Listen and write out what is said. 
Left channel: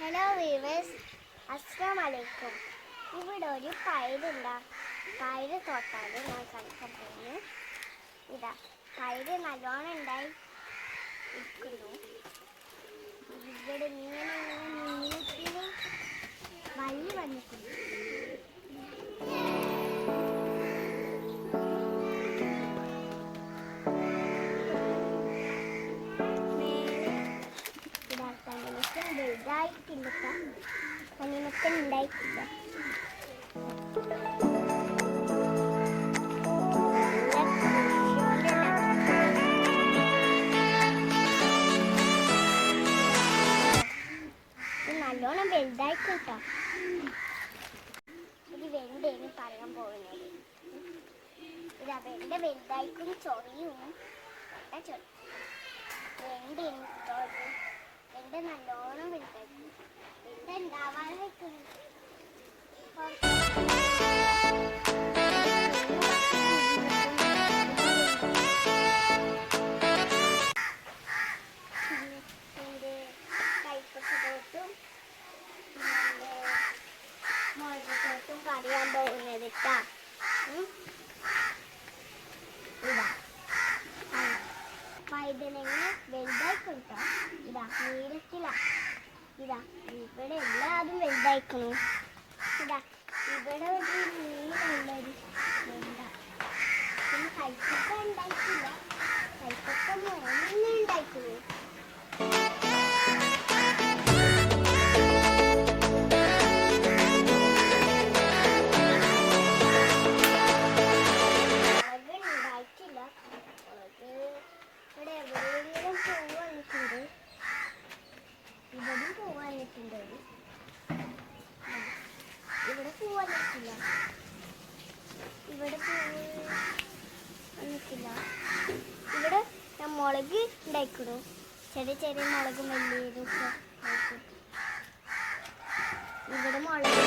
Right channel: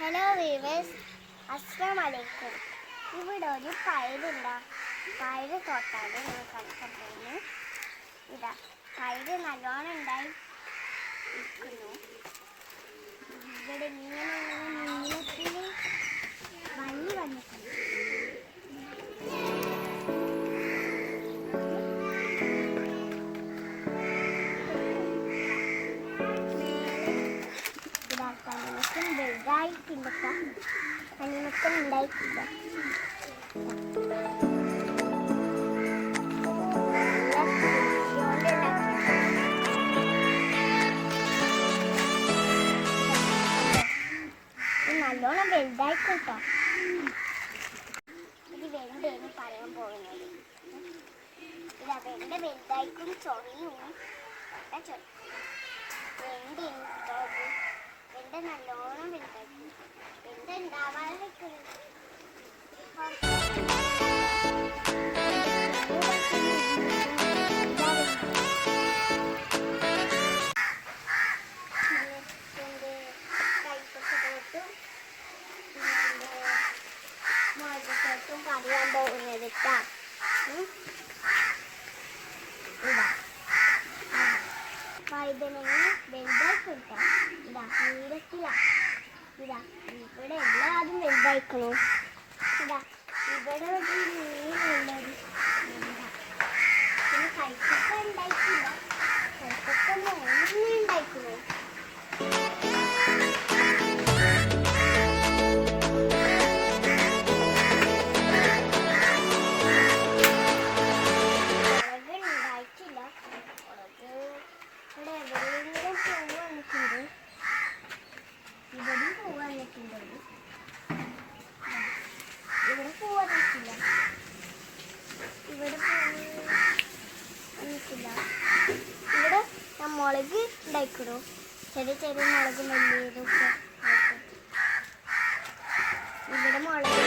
Hello weavers, അസ്സലാമു അലൈക്കും. ഇവിടെ ഒരു പയറുണ്ടാ പയറ് തോട്ടാണ് ഞാൻ കളിക്കുന്നു. ഇതാ പയറ് നല്ലോണം ഉണ്ടായി നിൽക്കുന്നു. ഇവിടെ ഇങ്ങനെ നീളത്തിൽ വള്ളി വന്നിട്ടുണ്ട്. കണ്ണിമക്കം വലുതായിട്ടില്ല, കണ്ണിമക്കം ഉണ്ടായിട്ടില്ല. നല്ലോണം വലുതായിക്കോട്ടോ. ഇത് വെണ്ടയാണ് പറയാൻ പോകുന്നത്. ഇത് വെണ്ട വലുതായിക്കും ചൊറിയും വെണ്ടയാണ്. വെണ്ട നല്ലോണം വലുതായിരിക്കും. വെണ്ട ഉണ്ടാവാതെ വെക്കുന്നത് കൈപ്പത്തോട്ടും മുളകത്തോട്ടും പറയാൻ പോകുന്നത് ഇതാ. വഴുതനങ്ങ വലുതായി കൊടുക്കാം. ഇതാ നീളത്തില. ഇതാ ഇവിടെ എല്ലാതും വലുതായിക്കണു. ഇതാ ഇവിടെ ഒരു നീളുള്ളൊരു വെണ്ട. പിന്നെ കൈപ്പൊക്ക ഉണ്ടായിട്ടില്ല, കൈപ്പൊക്ക മോനെ ഉണ്ടായിക്കണു. ഇവിടെയും പൂ വന്നിട്ടുണ്ട്. ഇവിടെ പൂ വന്നിട്ടില്ല, ഇവിടെ പൂ വന്നിട്ടില്ല. ഇവിടെ ഞാൻ മുളക് ഉണ്ടായിക്കണു. ചെറിയ ചെറിയ മുളക് വലിയതൊക്കെ. ഇവിടെ മുളക്